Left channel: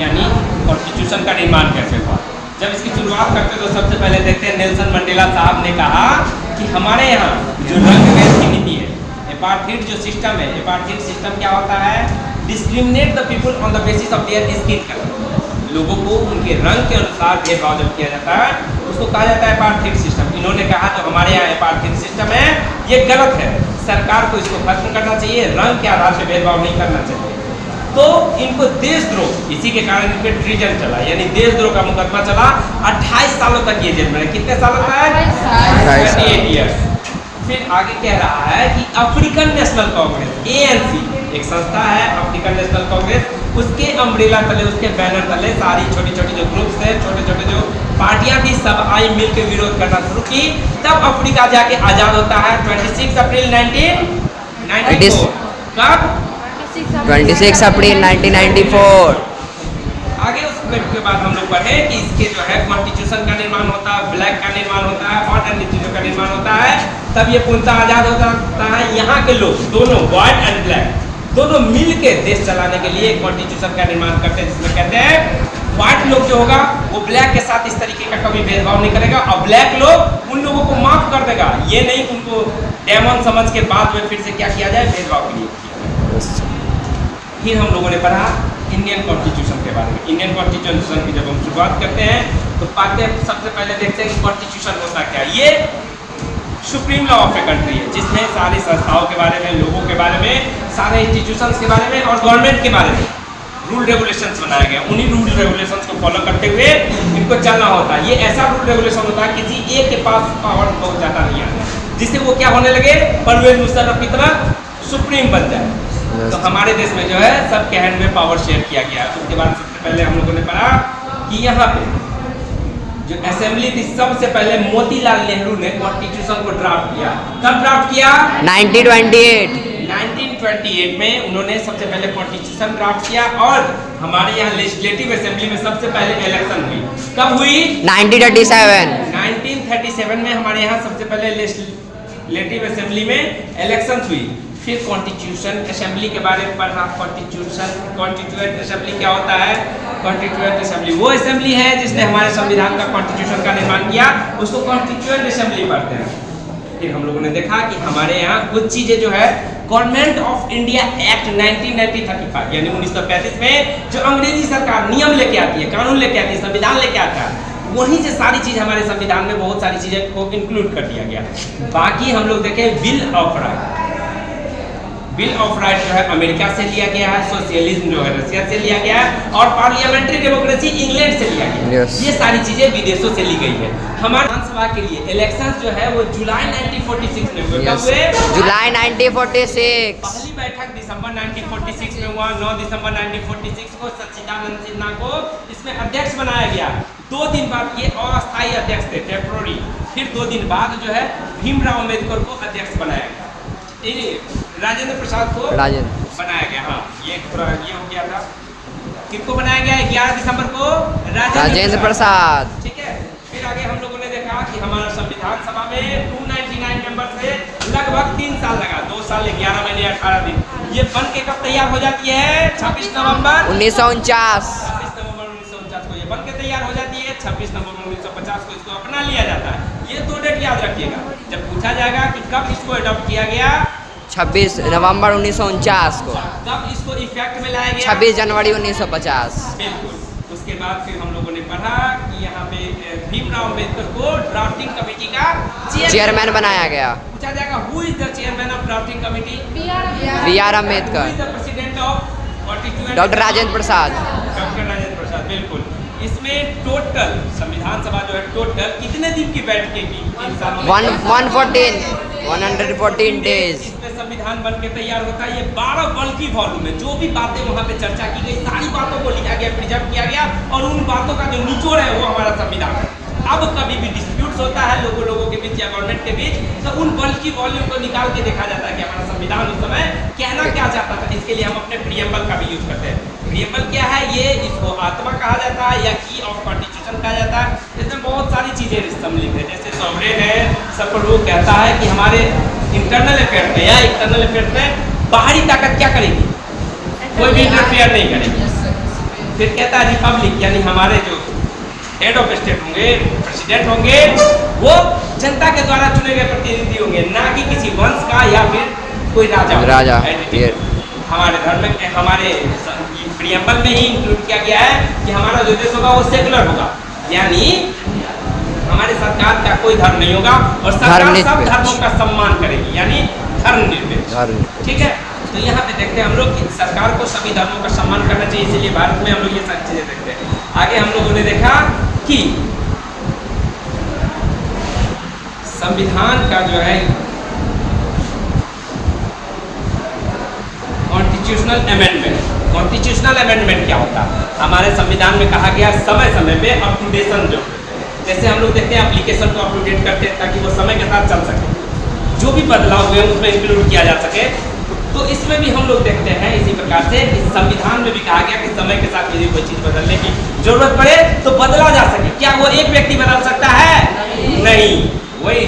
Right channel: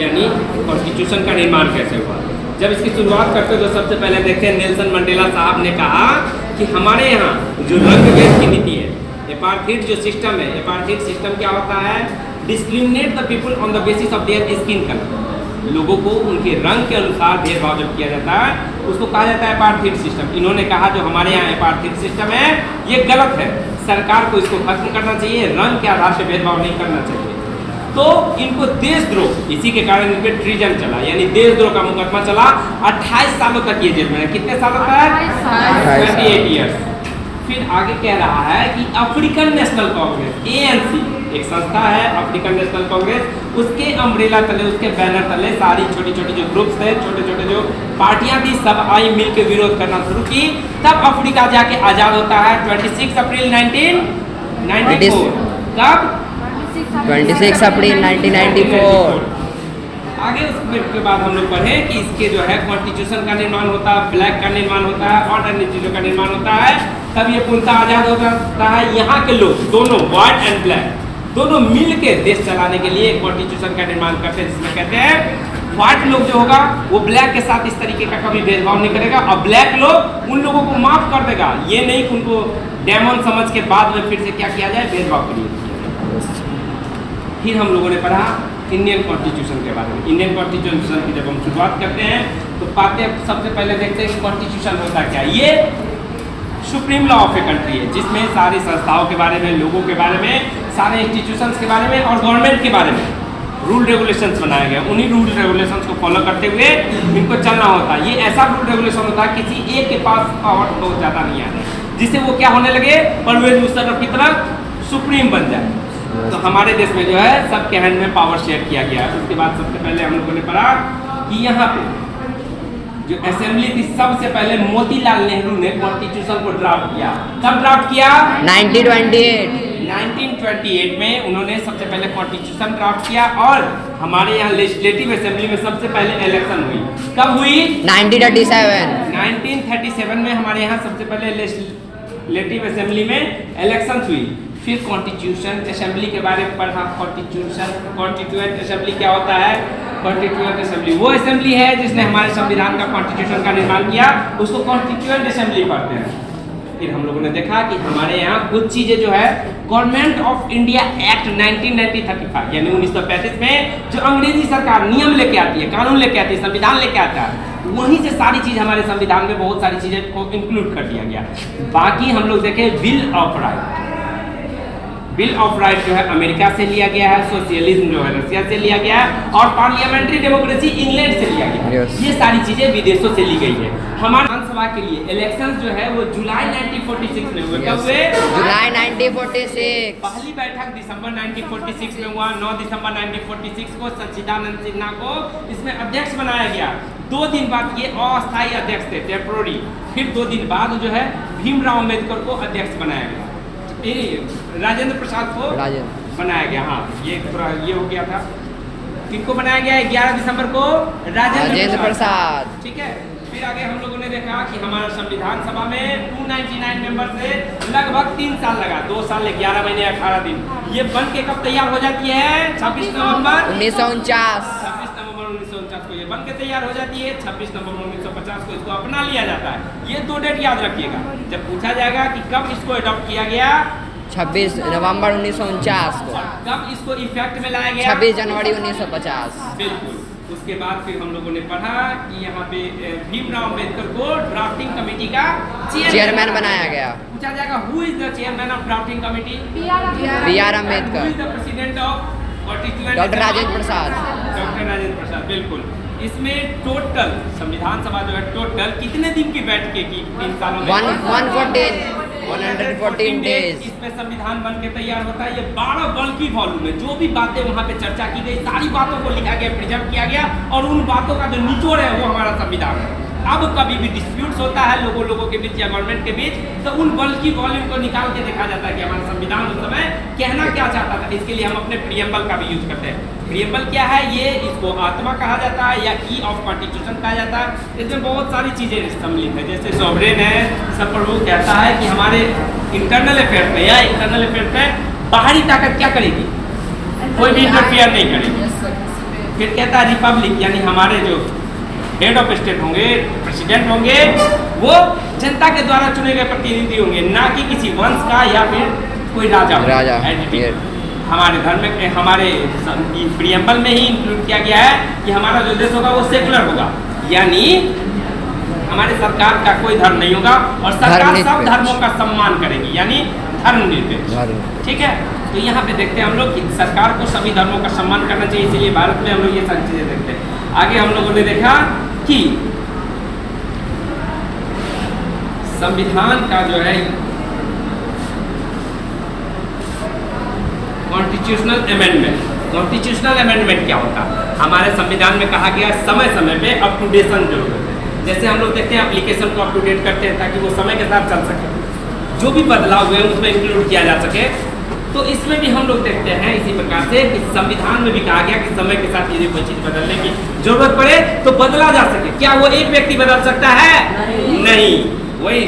यानी कॉन्स्टिट्यूशन का निर्माण कैसे हुआ। जब इसकी शुरुआत करते तो सबसे पहले देखते हैं नेल्सन मंडेला साहब ने कहा कि हमारे यहाँ जो रंग भेद की नीति है, एपार्थाइड जो सिस्टम है, एपार्थाइड सिस्टम क्या होता है, discriminate the people on the basis of their skin colour, लोगों को उनके रंग के अनुसार भेदभाव जब किया जाता है उसको कहा जाता है एपार्थाइड सिस्टम। इन्होंने कहा जो हमारे यहाँ एपार्थाइड सिस्टम है ये गलत है, सरकार को इसको खत्म करना चाहिए, रंग के आधार पर भेदभाव नहीं करना चाहिए। तो इनको देशद्रोह, इसी के कारण इनके ट्रीजन चला, यानी देशद्रोह का मुकदमा चला। 28 सालों तक ये जेल में है। कितने सालों तक? 28 ईयर्स। फिर आगे कह रहा है कि अफ्रीकन नेशनल कांग्रेस ANC एक संस्था है, अफ्रीकन नेशनल कांग्रेस, उसके अम्ब्रेला तले, उसके बैनर तले सारी छोटी छोटी जो ग्रुप्स है, छोटे छोटे जो पार्टियां थी, सब आई मिल के विरोध करना शुरू की। तब अफ्रीका जाके आजाद होता है 26 अप्रैल 1994। कब? 26 अप्रैल 1994। आगे उसके बाद हम लोग पढ़े कि इसके जो है कॉन्स्टिट्यूशन का निर्माण होता है, फ्लैग का निर्माण होता है और अन्य चीज़ों का निर्माण होता है, तब ये पूर्णतः आजाद होता है। यहाँ के लोग दोनों व्हाइट एंड ब्लैक दोनों मिल के देश चलाने के लिए कॉन्स्टिट्यूशन का निर्माण करते हैं, जिसमें कहते हैं व्हाइट लोग जो होगा वो ब्लैक के साथ इस तरीके का कभी भेदभाव नहीं करेगा और ब्लैक लोग उन लोगों को माफ कर देगा। ये नहीं कि उनको डेमन समझ के बाद में फिर से क्या किया जाए, भेदभाव के लिए। फिर हम लोगों ने पढ़ा इंडियन कॉन्स्टिट्यूशन के बारे में। इंडियन कॉन्स्टिट्यूशन की जब हम शुरुआत करते हैं तो पाते हैं, सबसे पहले देखते हैं कि कॉन्स्टिट्यूशन होता क्या। ये supreme law of a country है, जिसमें सारी संस्थाओं के बारे में, लोगों के बारे में, सारे इंस्टीट्यूशंस के बारे में और गवर्नमेंट के बारे में रूल रेगुलेशंस बनाया गया। उन्हीं रूल रेगुलेशंस को फॉलो करते हुए इनको चलना होता है। ये ऐसा रूल रेगुलेशन होता है किसी एक के पास पावर बहुत ज़्यादा नहीं आता, जिससे वो क्या होने लगे, परवेज मुशर्रफ की तरह सुप्रीम बन जाए। तो हमारे देश में जो है सबके हैंड में पावर शेयर किया गया। उसके बाद सबसे पहले हम लोगों ने पढ़ा कि यहाँ पे जो असेंबली थी, सबसे पहले मोतीलाल नेहरू ने कॉन्स्टिट्यूशन को ड्राफ्ट किया। कब ड्राफ्ट किया? 1928। 1928 में उन्होंने सबसे पहले कॉन्स्टिट्यूशन ड्राफ्ट किया और हमारे यहाँ लेजिस्लेटिव असेंबली में सबसे पहले इलेक्शन हुई। कब हुई? 1937। 1937 में हमारे यहाँ सबसे पहले लेजिस्लेटिव असेंबली में इलेक्शन हुई। फिर कॉन्स्टिट्यूशन असेंबली के बारे में पढ़ा। कॉन्स्टिट्यूएंट असेंबली क्या होता है? कॉन्स्टिट्यूएंट असेंबली वो असेंबली है जिसने हमारे संविधान का कॉन्स्टिट्यूशन का निर्माण किया, उसको कॉन्स्टिट्यूएंट असेंबली पढ़ते हैं। फिर हम लोगों ने देखा कि हमारे यहाँ कुछ चीज़ें जो है गवर्नमेंट ऑफ इंडिया एक्ट 1935 यानी 1935 में जो अंग्रेजी सरकार नियम लेके आती है, कानून लेके आती है, संविधान लेके आता है, वहीं से सारी चीज़ हमारे संविधान में बहुत सारी चीज़ें को इंक्लूड कर दिया गया। बाकी हम लोग देखें bill of right. Bill of right जो है अमेरिका से लिया गया है, सोशलिज्म जो है रशिया से लिया गया है और पार्लियामेंट्री डेमोक्रेसी इंग्लैंड से लिया गया है। ये सारी चीजें विदेशों से ली गई है। हमारे विधानसभा के लिए इलेक्शन जो है वो जुलाई 1946 में हुए। कब हुए? जुलाई 1946। पहली बैठक दिसंबर 1946 में हुआ। 9 दिसंबर 1946 को सच्चिदानंद सिन्हा को इसमें अध्यक्ष बनाया गया। 2 दिन बाद ये अस्थायी अध्यक्ष थे, टेम्पोररी। फिर 2 दिन बाद जो है भीमराव अम्बेडकर को अध्यक्ष बनाया गया। राजेंद्र प्रसाद को बनाया गया। हाँ, ये थोड़ा ये हो गया था। किनको बनाया गया? 11 दिसंबर को राजेंद्र प्रसाद। ठीक है। फिर आगे हम लोगों ने देखा कि हमारा संविधान सभा में 299 मेंबर से लगभग 3 साल लगा, 2 साल 11 महीने 18 दिन। ये बन के कब तैयार हो जाती है? 26 नवंबर 1949। 26 नवंबर 1949 को ये बन के तैयार हो जाती है। 26 नवंबर 1950 को इसको अपना लिया जाता है। ये 2 डेट याद रखिएगा। जब पूछा जाएगा कि कब इसको अडॉप्ट किया गया, 26 नवंबर 1949 को। कब इसको इफेक्ट में लाया गया? 26 जनवरी 1950। बिल्कुल। उसके बाद फिर हम लोगों ने पढ़ा कि यहाँ पे भीमराव अम्बेडकर को ड्राफ्टिंग कमेटी का चेयरमैन बनाया गया। पूछा जाएगा who is the chairman of drafting committee? B.R. Ambedkar. Who is the president of constituent? Doctor Rajendra Prasad. Doctor Rajendra Prasad, बिल्कुल। इसमें टोटल संविधान सभा जो है टोटल कितने दिन की बैठकें की? 114 डेज। इसमें संविधान बन के तैयार होता है। ये 12 बल्कि वॉल्यूम में जो भी बातें वहाँ पे चर्चा की गई, सारी बातों को लिखा गया, प्रिजर्व किया गया और उन बातों का जो निचोड़ है वो हमारा संविधान है। अब कभी भी डिस्प्यूट्स होता है लोगों के बीच या गवर्नमेंट के बीच, तो उन बल्कि वॉल्यूम को निकाल के देखा जाता है कि हमारा संविधान उस समय कहना क्या चाहता था। इसके लिए हम अपने प्रियम्बल का भी यूज करते हैं। प्रियम्बल क्या है? ये इसको आत्मा कहा जाता है या की ऑफ कॉन्स्टिट्यूशन कहा जाता है। इसमें बहुत सारी चीजें सम्मिलित है, जैसे सॉवरेन है, सब पर वो कहता है कि हमारे इंटरनल अफेयर में या एक्सटर्नल अफेयर में बाहरी ताकत क्या करेगी? कोई भी इंटरफेयर नहीं करेगी। फिर कहता है रिपब्लिक, यानी हमारे जो हेड ऑफ स्टेट होंगे, प्रेसिडेंट होंगे, वो जनता के द्वारा चुने गए प्रतिनिधि होंगे, ना कि किसी वंश का या फिर कोई राजा ये हमारे धर्म में, हमारे प्रियम्बल में ही इंक्लूड किया गया है कि हमारा जो देश होगा वो सेकुलर होगा, यानी हमारे सरकार का कोई धर्म नहीं होगा और सरकार सब धर्मों का सम्मान करेगी, यानी धर्मनिरपेक्ष। ठीक है, तो यहाँ पे देखते हैं हम लोग कि सरकार को सभी धर्मों का सम्मान करना चाहिए, इसलिए भारत में हम लोग ये सारी चीजें देखते हैं। आगे हम लोगों ने देखा कि संविधान का जो है कॉन्स्टिट्यूशनल अमेंडमेंट क्या होता है? हमारे संविधान में कहा गया समय समय पे अपटूडेशन जो, जैसे हम लोग देखते हैं एप्लीकेशन को अपटूडेट करते हैं ताकि वो समय के साथ चल सके, जो भी बदलाव हुए उसमें इंक्लूड किया जा सके। तो इसमें भी हम लोग देखते हैं इसी प्रकार से कि संविधान में भी कहा गया कि समय के साथ यदि कोई चीज बदलने की जरूरत पड़े तो बदला जा सके। क्या वो एक व्यक्ति बदल सकता है? नहीं। वही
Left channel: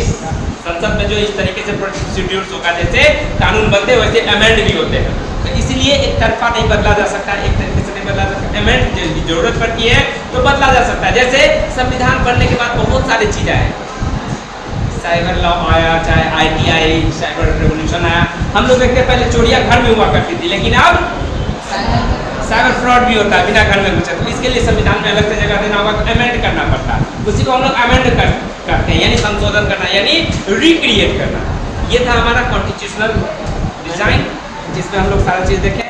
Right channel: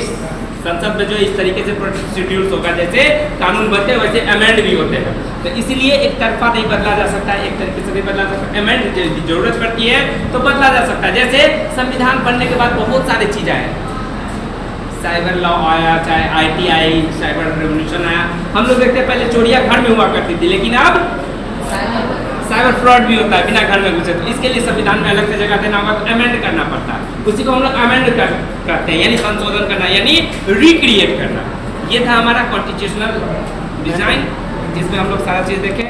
संसद में जो इस तरीके से प्रोसीड्यूर्स होगा, जैसे कानून बनते हैं वैसे अमेंड भी होते हैं, तो इसलिए एक तरफा नहीं बदला जा सकता, एक तरीके से नहीं बदला जा सकता। अमेंड की जरूरत पड़ती है तो बदला जा सकता है। जैसे संविधान बनने के बाद बहुत सारी चीजें आए, साइबर लॉ आया, चाहे IT आई, साइबर रेवोल्यूशन आया। हम लोग देखते हैं पहले चोरियां घर में हुआ करती थी, लेकिन अब साइबर फ्रॉड भी होता है बिना घर में घुसे। तो इसके लिए संविधान में अलग से जगह देना होगा, तो अमेंड करना पड़ता है। उसी को हम लोग अमेंड करते हैं, यानी संशोधन करना, यानी रिक्रिएट करना। ये था हमारा कॉन्स्टिट्यूशनल डिजाइन, जिसमें हम लोग सारा चीज देखें।